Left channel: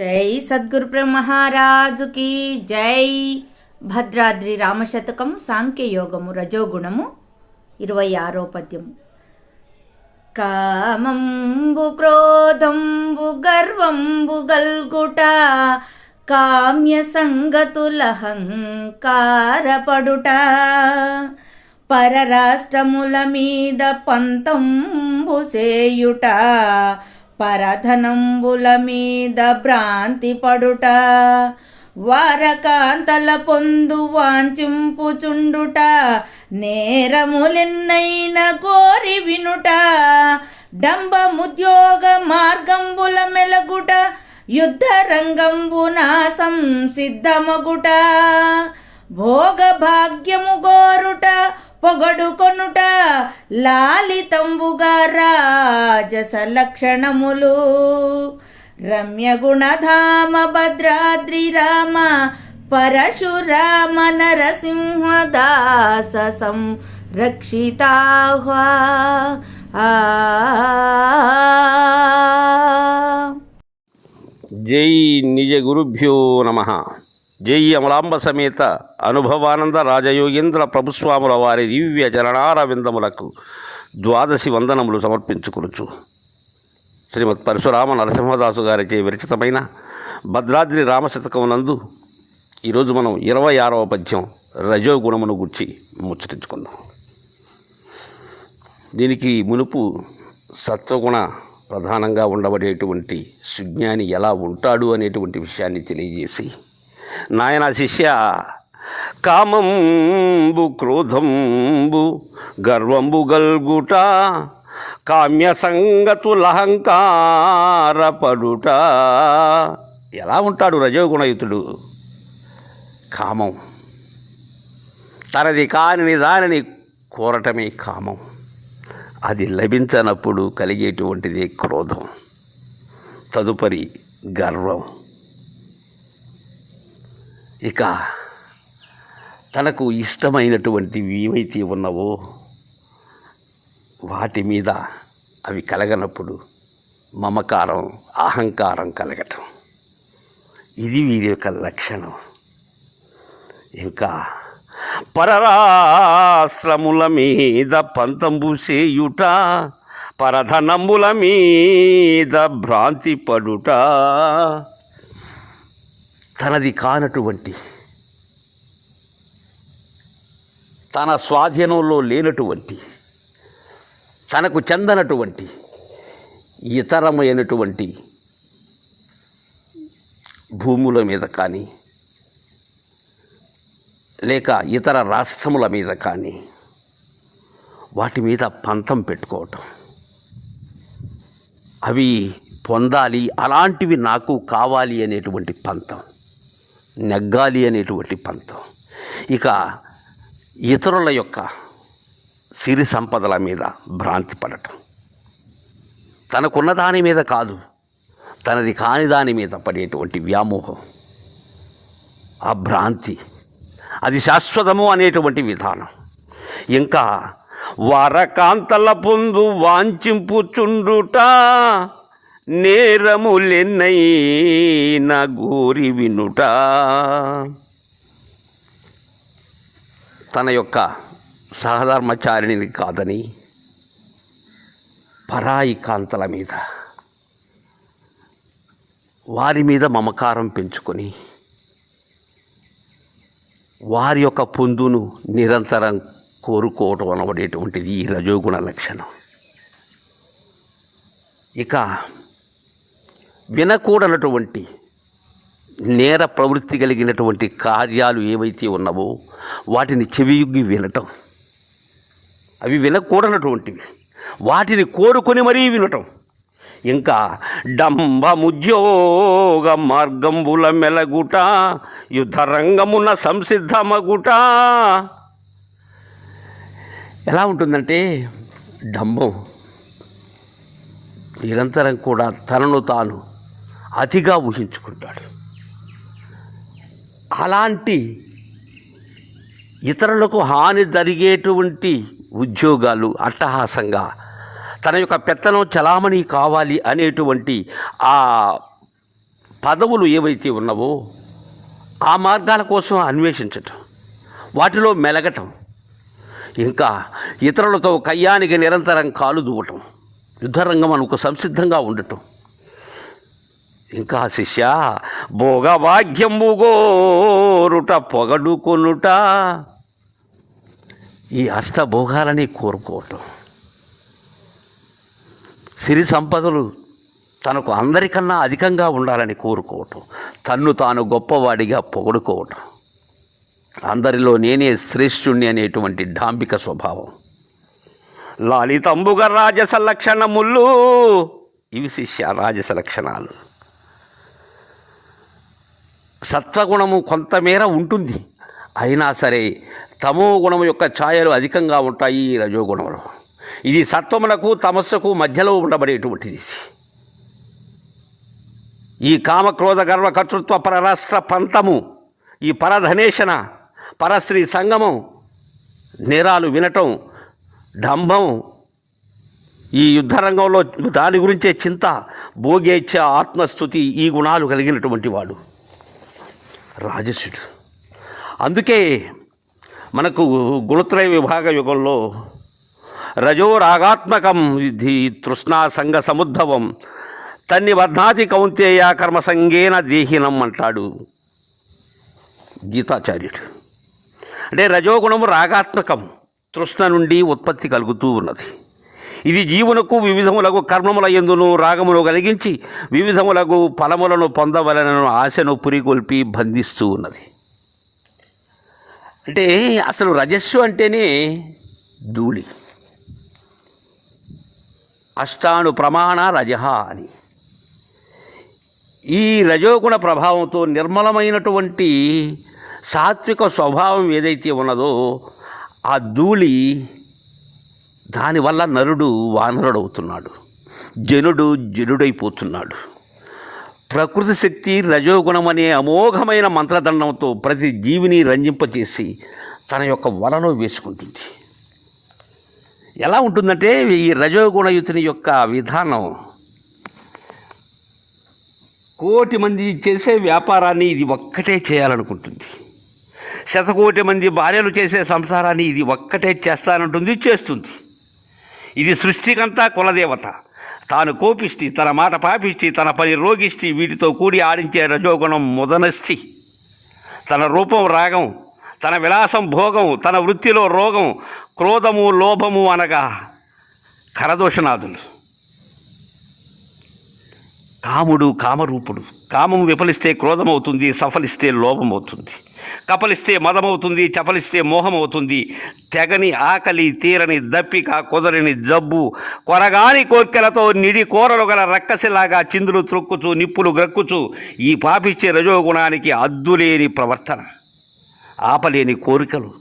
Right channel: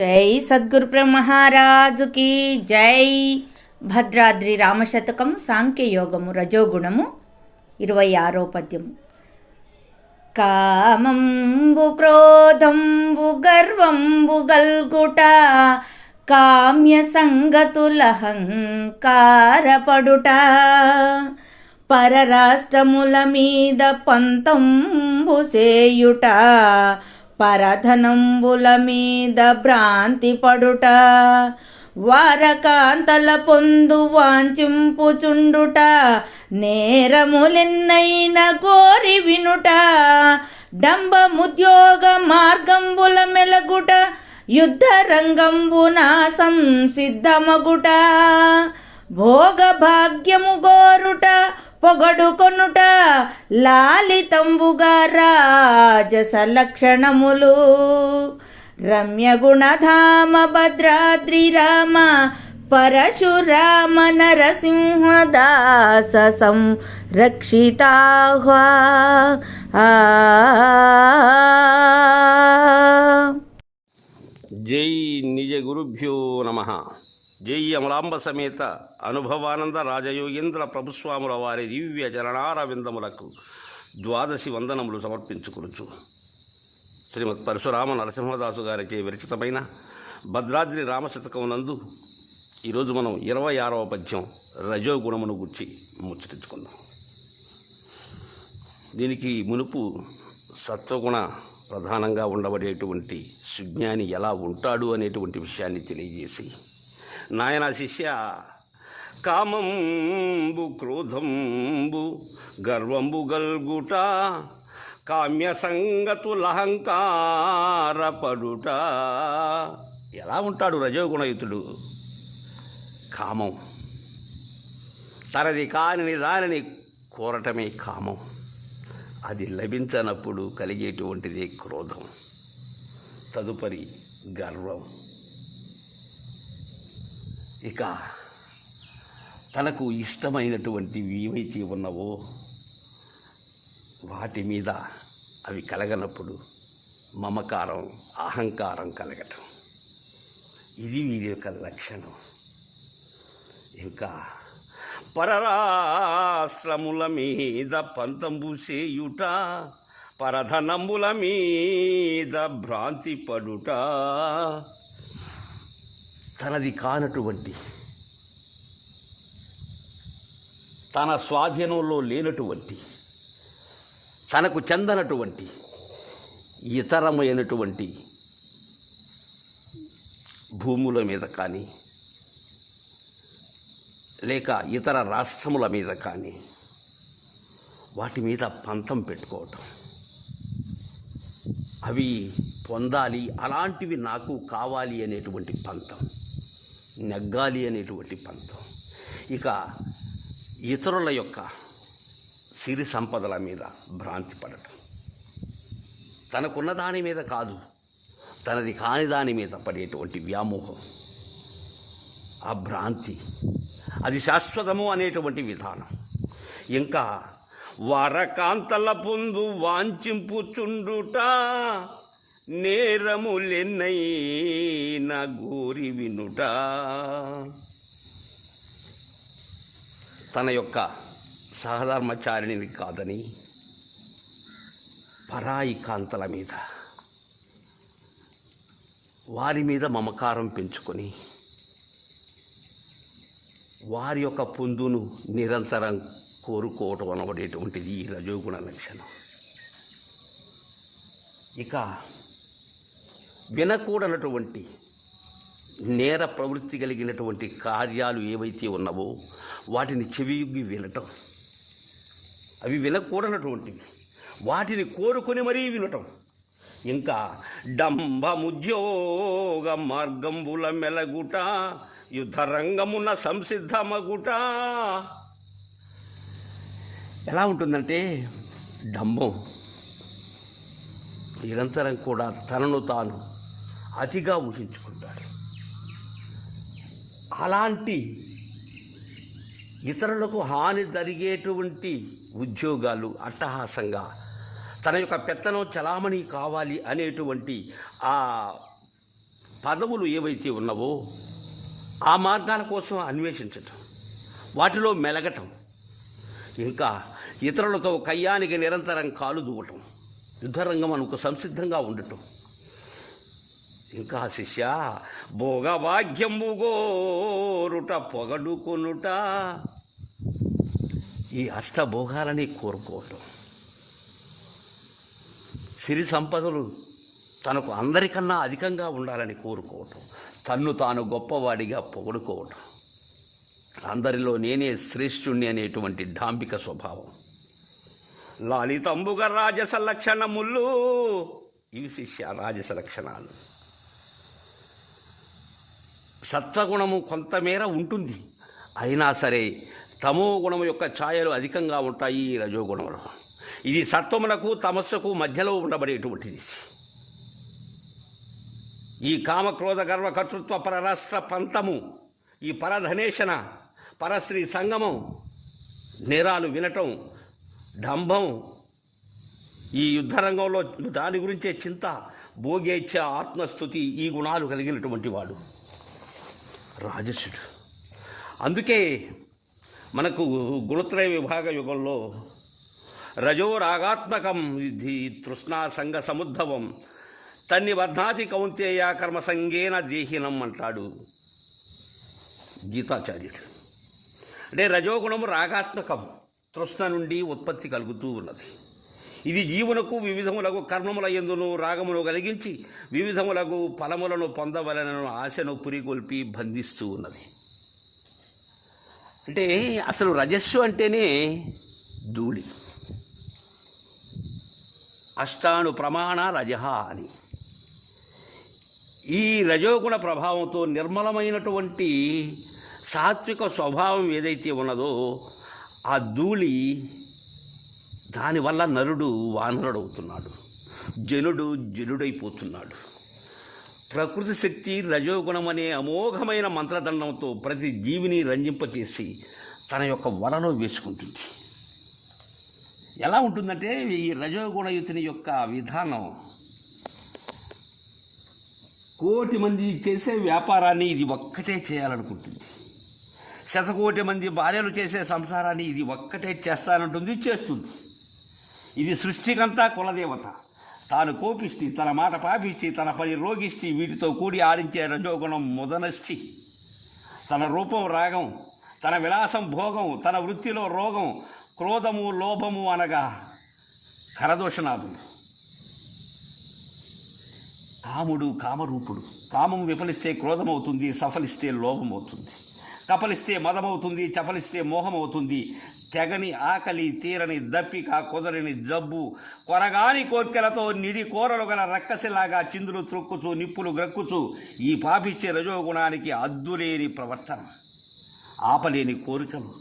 జై సద్గురు బ్రహ్మహారాజుకి జై. భద్రాద్రి రామశతకము సాంఖ్యయోగము రజోగుణము 26వ పద్యము. కామంబు క్రోధంబు గర్వంబు గల్గుట కామ్య సంగతులహంకారపడుట పరరాష్ట్రముల మీద పంతంబు సేయుట పరధనంబుల మీద భ్రాంతి పడుట వారకాంతల పొందు వాంఛింపుచుండుట నేరములెన్నైన కోరి వినుట డంబముద్యోగ మార్గంబుల మెలగుట యుద్ధ రంగంబున సంసిద్ధమగుట భోగ భాగ్యము గోరుట పొగడుకొనుట లాలితంబుగా రాజస లక్షణములు రమ్య గుణధామ భద్రాద్రి రామ పరశురామ నరసింహదాస సంరక్షితాహ్వా. జై నిజ గురుభ్యో నమః. జై అమలాంబ సమేత అనుభవానంద రాజయోగేంద్ర ప్రభుస్వాముల వారి దివ్య చరణార విందములకు ద్వాదశి వందనములు సమర్పించుకొనుచు శ్రీమద్ పరశురామ నరసింహదాసు గారిచే విరచితమైన భద్రాద్రి రామశతకమునందు ఈరోజు మనం 26వ పద్యం రజోగుణమును గుర్చి ముచ్చటించుకుందాం. దీనికి మునుపు సత్వగుణ ప్రధానంగా ఉండబడేటువంటి సుజ్ఞాని ఎలా ఉంటాడు అనేటువంటి విషయాన్ని తెలియజేసి, నాయన శిష్య, కామంబు క్రోధంబు గర్వంబు గల్గుట కామ్య సంగతులహంకారపడుట. ఎలా ఉంటాడు రజోగుణయుతుడు? కామం, తనది కాని దానిని కోరటమే కామం. అది లభించనప్పుడు కలిగేటువంటిదే క్రోధం. తదుపరి గర్వం. ఇక తనకు ఇష్టమైనటువంటివి ఏవైతే ఉన్నవో వాటి మీద అవి కలగనప్పుడు మమకారం, అహంకారం కలగటం. ఇది వీరి యొక్క లక్షణం. ఇంకా పరరాష్ట్రముల మీద పంతంబు సేయుట పరధనముల మీద భ్రాంతి పడుట. తనది కానటువంటి, తన స్వాధీనంలో లేనటువంటి, తనకు చెందనటువంటి ఇతరమైనటువంటి భూముల మీద కానీ లేక ఇతర రాష్ట్రముల మీద కానీ వాటి మీద పంతం పెట్టుకోవటం, అవి పొందాలి, అలాంటివి నాకు కావాలి అనేటువంటి పంతం, నెగ్గాలి అనేటువంటి పంతం. ఇక ఇతరుల యొక్క సిరి సంపదల మీద భ్రాంతి పడటం, తనకున్న దాని మీద కాదు, తనది కాని దాని మీద పడేటువంటి వ్యామోహం, ఆ భ్రాంతి, అది శాశ్వతము అనేటువంటి విధానం. ఇంకా వారకాంతల పొందు వాంఛింపుచుండుట నేరములెన్నైన గోరి వినుట. తన యొక్క సహధర్మచారిణిని కాదని పరాయి కాంతల మీద, వారి మీద మమకారం పెంచుకొని వారి యొక్క పొందును నిరంతరం కోరుకోవటం అనబడేటువంటిది ఈ రజోగుణ లక్షణం. ఇక వినకూడనటువంటి నేర ప్రవృత్తి కలిగినటువంటి కార్యాలు ఏవైతే ఉన్నావో వాటిని చెవియుగ్గి వినటం, అవి వినకూడనటువంటివి, వాటిని కోరుకొని మరీ వినటం. ఇంకా డంబముద్యోగ మార్గంబుల మెలగుట యుద్ధరంగమున సంసిద్ధమగుట. ఎలా ఉంటుందంటే, డంబం, నిరంతరం కూడా తనను తాను అతిగా ఊహించుకుంటాడు. అలాంటి ఇతరులకు హాని జరిగేటువంటి ఉద్యోగాలు అట్టహాసంగా తన యొక్క పెత్తనం చలామణి కావాలి అనేటువంటి ఆ పదవులు ఏవైతే ఉన్నావో ఆ మార్గాల కోసం అన్వేషించటం, వాటిలో మెలగటం, ఇంకా ఇతరులతో కయ్యానికి నిరంతరం కాలు దూవటం, యుద్ధరంగం అనుకు సంసిద్ధంగా ఉండటం. ఇంకా శిష్య, భోగభాగ్యము గోరుట పొగడుకొనుట, ఈ అష్టభోగాలని కోరుకోవటం, సిరి సంపదలు తనకు అందరికన్నా అధికంగా ఉండాలని కోరుకోవటం, తన్ను తాను గొప్పవాడిగా పొగడుకోవటం, అందరిలో నేనే శ్రేష్ఠుణ్ణి అనేటువంటి డాంబిక స్వభావం, లాలితంబుగ రాజస లక్షణములు, ఇవి శిష్య రాజస లక్షణాలు. సత్వగుణము కొంతమేర ఉంటుంది, అయినా సరే తమో గుణము యొక్క ఛాయలు అధికంగా ఉంటాయి ఈ రజోగుణంలో. ఇది సత్వములకు తమస్సుకు మధ్యలో ఉండబడేటువంటిది. ఈ కామక్రోధ గర్వ కర్తృత్వ పరరాష్ట్ర పంతము, ఈ పరధనేషణ, పరస్త్రీ సంగమం, నేరాలు వినటం, డంభం, ఈ యుద్ధరంగంలో దాని గురించే చింత, భోగేచ్ఛ, ఆత్మస్థుతి, ఈ గుణాలు కలిగినటువంటి వాడు రాజసుడు. అందుకే మనకు గుణత్రయ విభాగ యుగంలో రజోరాగాత్మకం విధి తృష్ణా సంగ సముద్భవం తన్ని వర్ధాతి కౌంతేయ కర్మసంగేన దేహినం అంటాడు గీతాచార్యుడు. అంటే రజోగుణము రాగాత్మకం, తృష్ణ నుండి ఉత్పత్తి కలుగుతూ ఉన్నది. ఇది జీవునకు వివిధములకు కర్మముల యందును రాగమును కలిగించి వివిధములకు ఫలములను పొందవలనను ఆశను పురికొల్పి బంధిస్తూ ఉన్నది. అంటే అసలు రజస్సు అంటేనే ధూళి, అష్టాను ప్రమాణ రజహ అని. ఈ రజోగుణ ప్రభావంతో నిర్మలమైనటువంటి సాత్విక స్వభావం ఏదైతే ఉన్నదో ఆ ధూళి, దానివల్ల నరుడు వానరుడవుతున్నాడు, జనుడు జనుడైపోతున్నాడు. ప్రకృతి శక్తి రజోగుణం అనే అమోఘమైన మంత్రదండంతో ప్రతి జీవిని రంజింపచేసి తన యొక్క వలను వేసుకుంటుంది. ఎలా ఉంటుందంటే ఈ రజోగుణయుతుని యొక్క విధానం, కోటి మంది చేసే వ్యాపారాన్ని ఇది ఒక్కటే చేయాలనుకుంటుంది. శతకోటి మంది భార్యలు చేసే సంసారాన్ని ఇది ఒక్కటే చేస్తానంటుంది, చేస్తుంది. ఇది సృష్టికంతా కులదేవత. తాను కోపిష్టి, తన మాట పాపిష్టి, తన పని రోగిష్టి, వీటితో కూడి ఆడించే రజోగుణం ముదనష్టి. తన రూపం రాగం, తన విలాసం భోగం, తన వృత్తిలో రోగం, క్రోధము లోభము అనగా కరదోషనాథులు. కాముడు కామరూపుడు. కామం విఫలిస్తే క్రోధమవుతుంది, సఫలిస్తే లోభమవుతుంది, కపలిస్తే మదమవుతుంది, చపలిస్తే మోహమవుతుంది. తెగని ఆకలి, తీరని దప్పిక, కుదరని జబ్బు, కొరగాని కోర్కెలతో నిడి కోరలు గల రక్కసిలాగా చిందులు త్రొక్కుచు నిప్పులు గ్రక్కుచు ఈ పాపిచ్చే రజోగుణానికి అద్దులేని ప్రవర్తన, ఆపలేని కోరికలు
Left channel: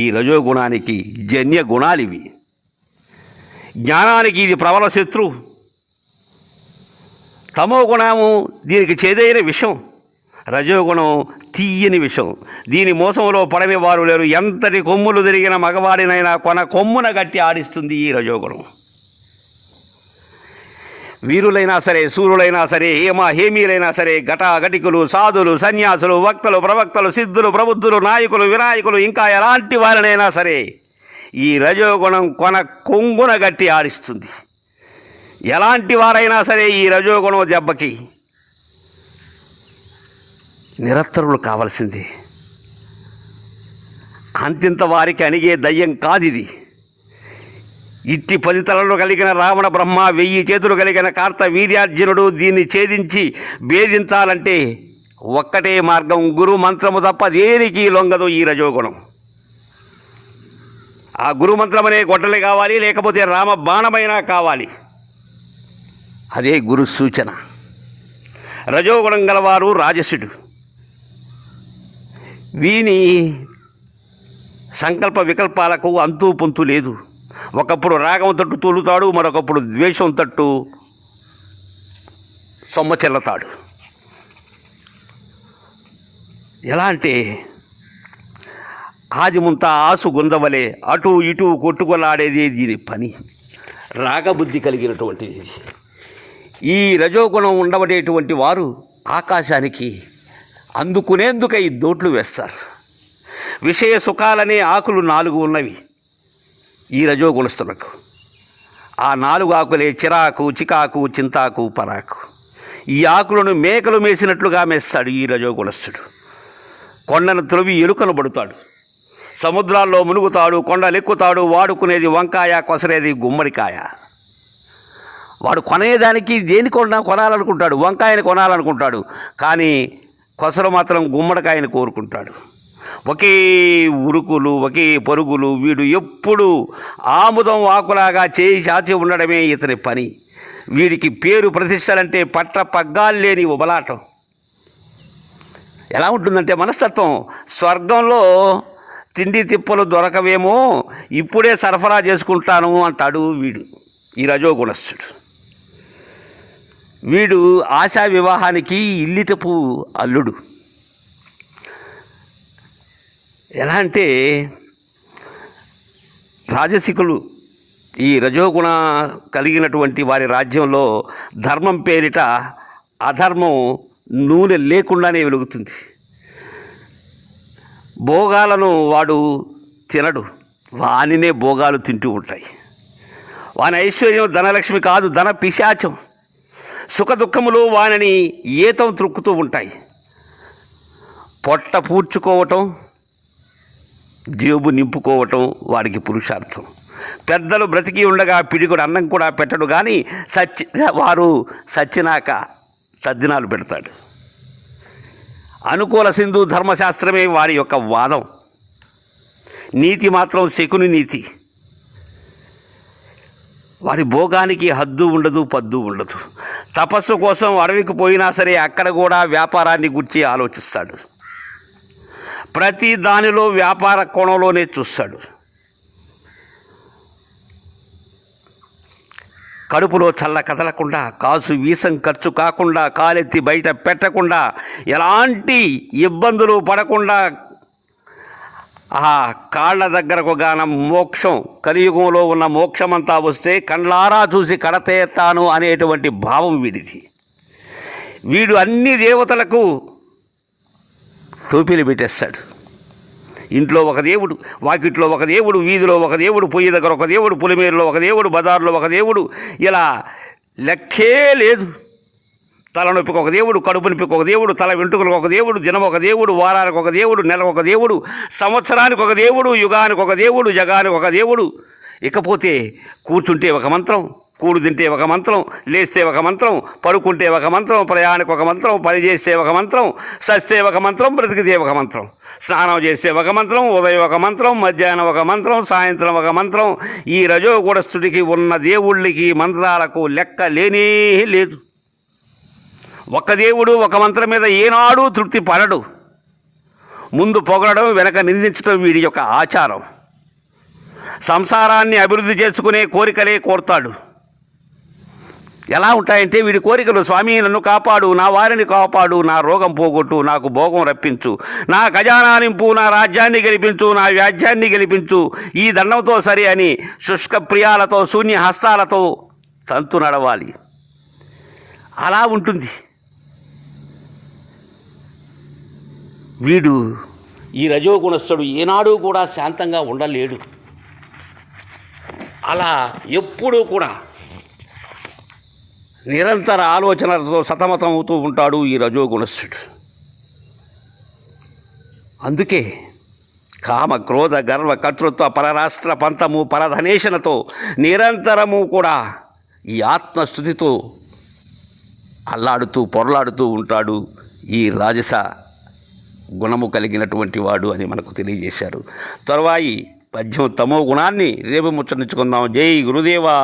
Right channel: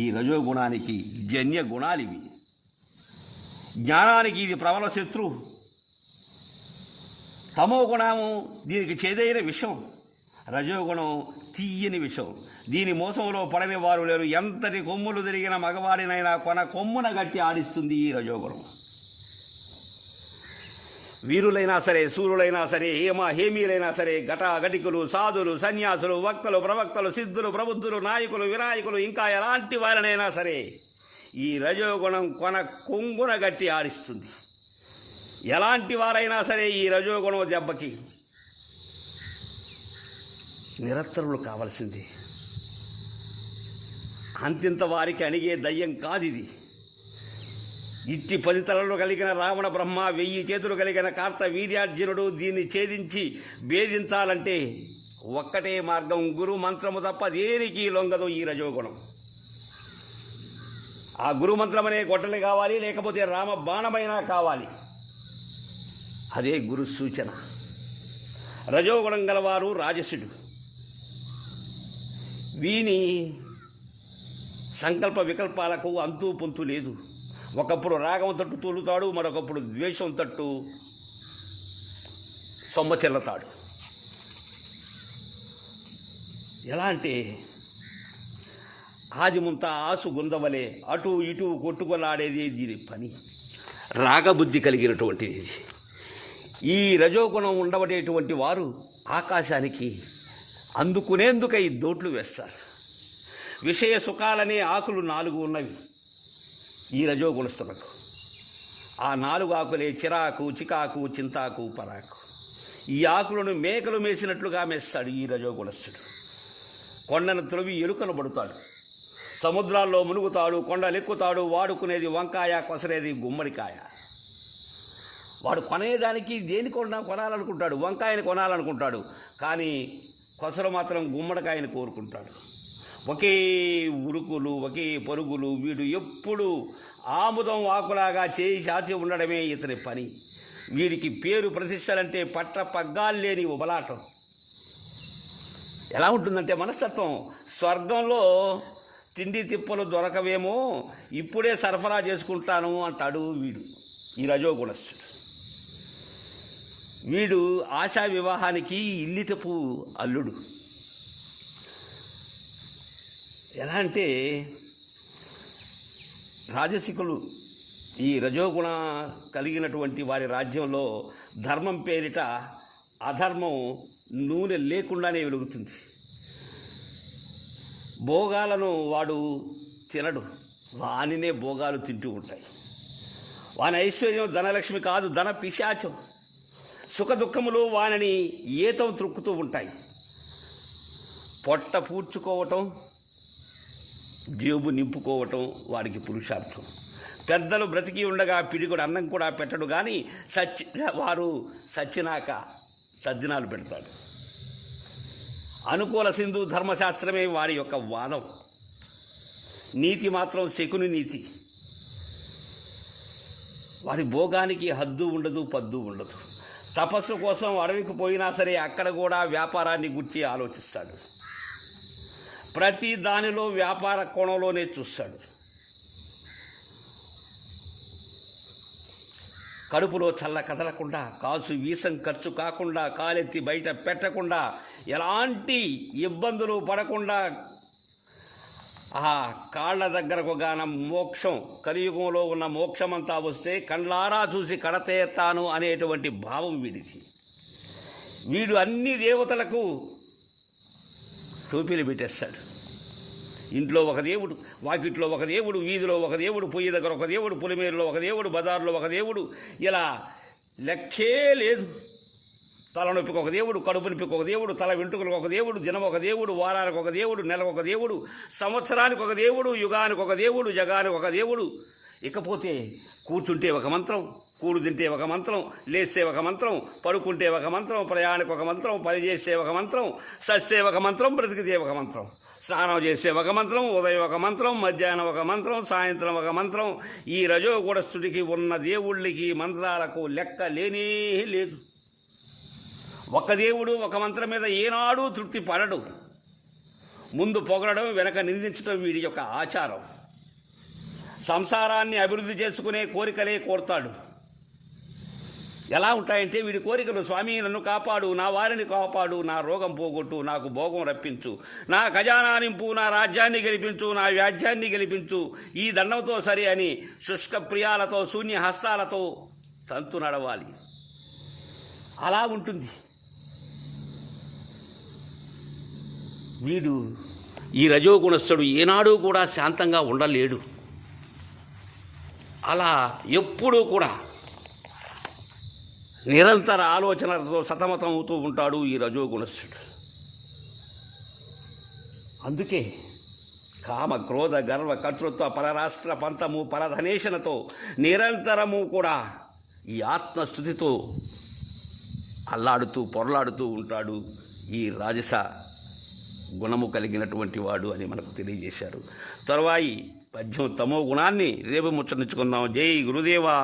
ఈ రజోగుణానికి జన్య గుణాలివి. జ్ఞానానికి ఇది ప్రబల శత్రువు. తమో గుణము దీనికి చేదైన విషం, రజోగుణం తీయని విషం. దీని మోసంలో పడని వారు లేరు. ఎంతటి కొమ్ములు తిరిగిన మగవాడినైనా కొమ్మున గట్టి ఆడిస్తుంది ఈ రజోగుణం. వీరులైనా సరే, సూర్యులైనా సరే, హేమీలైనా సరే, ఘటాఘటికులు, సాధులు, సన్యాసులు, వక్తలు, ప్రవక్తలు, సిద్ధులు, ప్రబుద్ధులు, నాయకులు, వినాయకులు, ఇంకా ఎలాంటి వారినైనా సరే ఈ రజోగుణం కొంగున గట్టి ఆడిస్తుంది. ఎలాంటి వారైనా సరే ఈ రజోగుణం దెబ్బకి నిరత్తరులు కావలసిందే. అంతింత వారికి అణిగే దయ్యం కాదిది. ఇట్టి 10 తలలు కలిగిన రావణ బ్రహ్మ, 1000 చేతులు కలిగిన కార్త వీర్యార్జునుడు దీన్ని ఛేదించి భేదించాలంటే ఒక్కటే మార్గం, గురు మంత్రము తప్ప దేనికి లొంగదు ఈ రజోగుణం. ఆ గురు మంత్రం అనే గొడ్డలి కావాలి, లేకపోతే రామ బాణమైనా కావాలి. అదే గురు సూచన. రజోగుణం గలవారు రాజసుడు. వీని సంకల్ప వికల్పాలకు అంతూ పొంతు లేదు. ఒకప్పుడు రాగం తట్టు తూలుతాడు, మరొకప్పుడు ద్వేషం తట్టు సొమ్మ చెల్లతాడు. ఎలా అంటే ఆదిముంత ఆసు గుందవలే అటు ఇటు కొట్టుకొలాడేది దీని పని. రాగబుద్ధి కలిగినటువంటిది. ఈ రజోగుణం ఉండబడేటువంటి వారు ఆకాశానికి అందుకునేందుకై దోట్లు వేస్తారు. విషయ సుఖాలనే ఆకులు 4 ఉన్నవి ఈ రజోగుణస్తులకు. ఆ 4 ఆకులే చిరాకు, చికాకు, చింతాకు, పరాకు. ఈ ఆకులను మేకలు మేసినట్లుగా మేస్తాడు ఈ రజోగుణస్తుడు. కొండను త్రొవి ఎలుకను పడుతాడు, సముద్రాల్లో మునుగుతాడు, కొండలెక్కుతాడు. వాడుకునేది వంకాయ, కొసరేది గుమ్మడికాయ. వాడు కొనేదానికి కొనాలనుకుంటాడు, వంకాయని కొనాలనుకుంటాడు, కానీ కొసరు మాత్రం గుమ్మడికాయని కోరుకుంటాడు. ఒకే ఉరుకులు, ఒకే పరుగులు. వీడు ఎప్పుడు ఆముదం ఆకులాగా చేయి చాచి ఉండడమే ఇతని పని. వీడికి పేరు ప్రతిష్టలంటే పట్ట పగ్గాలు లేని ఉబలాటం. ఎలా ఉంటుందంటే మనస్తత్వం, స్వర్గంలో తిండి తిప్పలు దొరకవేమో, ఇప్పుడే సరఫరా చేసుకుంటాను అంటాడు వీడు, ఈ రజోగుణస్థుడు. వీడు ఆశా వివాహానికి ఇల్లిటపు అల్లుడు. ఎలా అంటే రాజసికులు, ఈ రజోగుణ కలిగినటువంటి వారి రాజ్యంలో ధర్మం పేరిట అధర్మం నూనె లేకుండానే వెలుగుతుంది. భోగాలను వాడు తినడు, వానినే భోగాలు తింటూ ఉంటాయి. వాని ఐశ్వర్యం ధనలక్ష్మి కాదు, ధన పిశాచం. సుఖ దుఃఖములు వానిని ఏతం త్రుక్కుతూ ఉంటాయి. పొట్ట పూడ్చుకోవటం, జేబు నింపుకోవటం వాడికి పురుషార్థం. పెద్దలు బ్రతికి ఉండగా పిడిగుడు అన్నం కూడా పెట్టడు, కానీ వారు సచ్చినాక తద్దినాలు పెడతాడు. అనుకూల సింధు ధర్మశాస్త్రమే వారి యొక్క వాదం. నీతి మాత్రం శకుని నీతి. వారి భోగానికి హద్దు ఉండదు, పద్దు ఉండదు. తపస్సు కోసం అడవికి పోయినా సరే అక్కడ కూడా వ్యాపారాన్ని గురించి ఆలోచిస్తాడు. ప్రతి దానిలో వ్యాపార కోణంలోనే చూస్తాడు. కడుపులో చల్ల కదలకుండా, కాసు వీసం ఖర్చు కాకుండా, కాలెత్తి బయట పెట్టకుండా, ఎలాంటి ఇబ్బందులు పడకుండా, ఆ కాళ్ళ దగ్గరకు గాన మోక్షం, కలియుగంలో ఉన్న మోక్షమంతా వస్తే కండ్లారా చూసి కడతేస్తాను అనేటువంటి భావం వీడిది. వీడు అన్ని దేవతలకు టోపీలు పెట్టేస్తాడు. ఇంట్లో ఒక దేవుడు, వాకిట్లో ఒక దేవుడు, వీధిలో ఒక దేవుడు, పొయ్యి దగ్గర ఒక దేవుడు, పులిమేరులో ఒక దేవుడు, బజార్లో ఒక దేవుడు, ఇలా లెక్కే లేదు. తలనొప్పికి ఒక దేవుడు, కడుపు నొప్పికి ఒక దేవుడు, తల వెంట్రుకలకు ఒక దేవుడు, దినం ఒక దేవుడు, వారానికి ఒక దేవుడు, నెలకు ఒక దేవుడు, సంవత్సరానికి ఒక దేవుడు, యుగానికి ఒక దేవుడు, జగానికి ఒక దేవుడు. ఇకపోతే కూర్చుంటే ఒక మంత్రం, కూడు తింటే ఒక మంత్రం, లేస్తే ఒక మంత్రం, పడుకుంటే ఒక మంత్రం, ప్రయాణికి ఒక మంత్రం, పని చేస్తే ఒక మంత్రం, సస్తే ఒక మంత్రం, బ్రతికితే ఒక మంత్రం, స్నానం చేస్తే ఒక మంత్రం, ఉదయం ఒక మంత్రం, మధ్యాహ్నం ఒక మంత్రం, సాయంత్రం ఒక మంత్రం. ఈ రజోగుణస్థుడికి ఉన్న దేవుళ్ళకి మంత్రాలకు లెక్క లేనే లేదు. ఒక దేవుడు ఒక మంత్రం మీద ఏనాడూ తృప్తి పడడు. ముందు పొగడడం, వెనక నిందించడం వీడి యొక్క ఆచారం. సంసారాన్ని అభివృద్ధి చేసుకునే కోరికలే కోరుతాడు. ఎలా ఉంటాయంటే వీడి కోరికలు, స్వామి నన్ను కాపాడు, నా వారిని కాపాడు, నా రోగం పోగొట్టు, నాకు భోగం రప్పించు, నా ఖజానా నింపు, నా రాజ్యాన్ని గెలిపించు, నా వ్యాజ్యాన్ని గెలిపించు, ఈ దండంతో సరి అని శుష్క ప్రియాలతో, శూన్య హస్తాలతో తంతు నడవాలి. అలా ఉంటుంది. వీడు, ఈ రజోగుణస్థుడు ఏనాడు కూడా శాంతంగా ఉండలేడు. అలా ఎప్పుడూ కూడా నిరంతర ఆలోచనలతో సతమతం అవుతూ ఉంటాడు ఈ రజోగుణస్థుడు. అందుకే కామ, క్రోధ, గర్వ, కర్తృత్వ, పరరాష్ట్ర పంతము, పరధనేషణతో నిరంతరము కూడా ఈ ఆత్మస్థుతితో అల్లాడుతూ పొరలాడుతూ ఉంటాడు ఈ రాజస గుణము కలిగినటువంటి వాడు అని మనకు తెలియజేశారు. తరువాయి పద్యం తమో గుణాన్ని రేపు ముచ్చరించుకుందాం. జై గురుదేవా.